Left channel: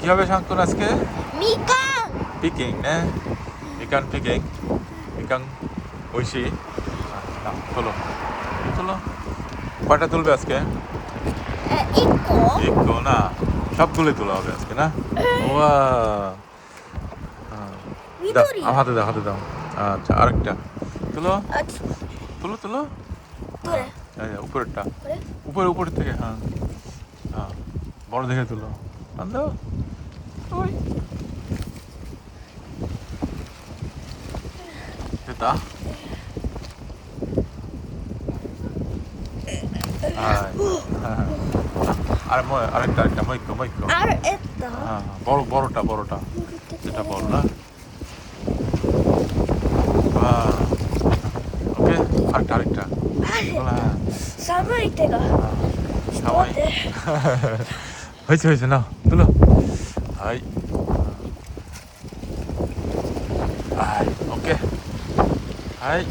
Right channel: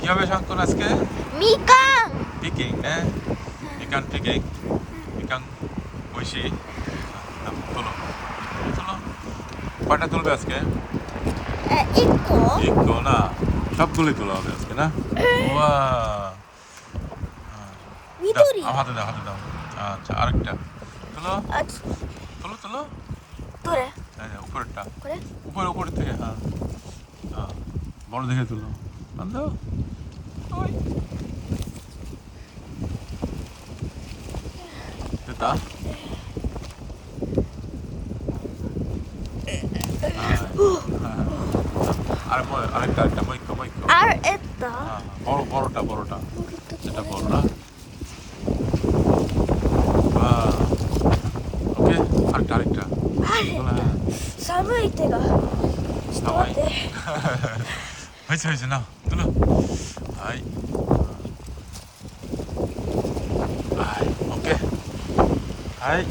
কি হবে শান্তন আজকে? মিকাম পিকিং না? মিকান পিকিং। মিকান ঐশী। না, তোলো তোলো। কয়টা তুলবে আজকে? ইকো একটু না, সবগুলোই তোলা হবে আজকে না? ওয়া দাও, ভিতরি আমার হাতে দাও, হাতে দাও। আচ্ছা, আরেকটা তুলো, আচ্ছা তুলো তুলো। করে এই যে, উপরেরটা, করে উপরের থেকে, হ্যাঁ হ্যাঁ, বড় দেখে তুলো। টান দাও। ওই এটা হ্যাঁ, আরেকটা মইকো মইকো। আর এটা হ্যাঁ, বড়টা এটা বড় না? ওকে, আরেকটা তোলা, হ্যাঁ। সামনে থেকে ওই হয়েছে নাও তুলো। I I okay I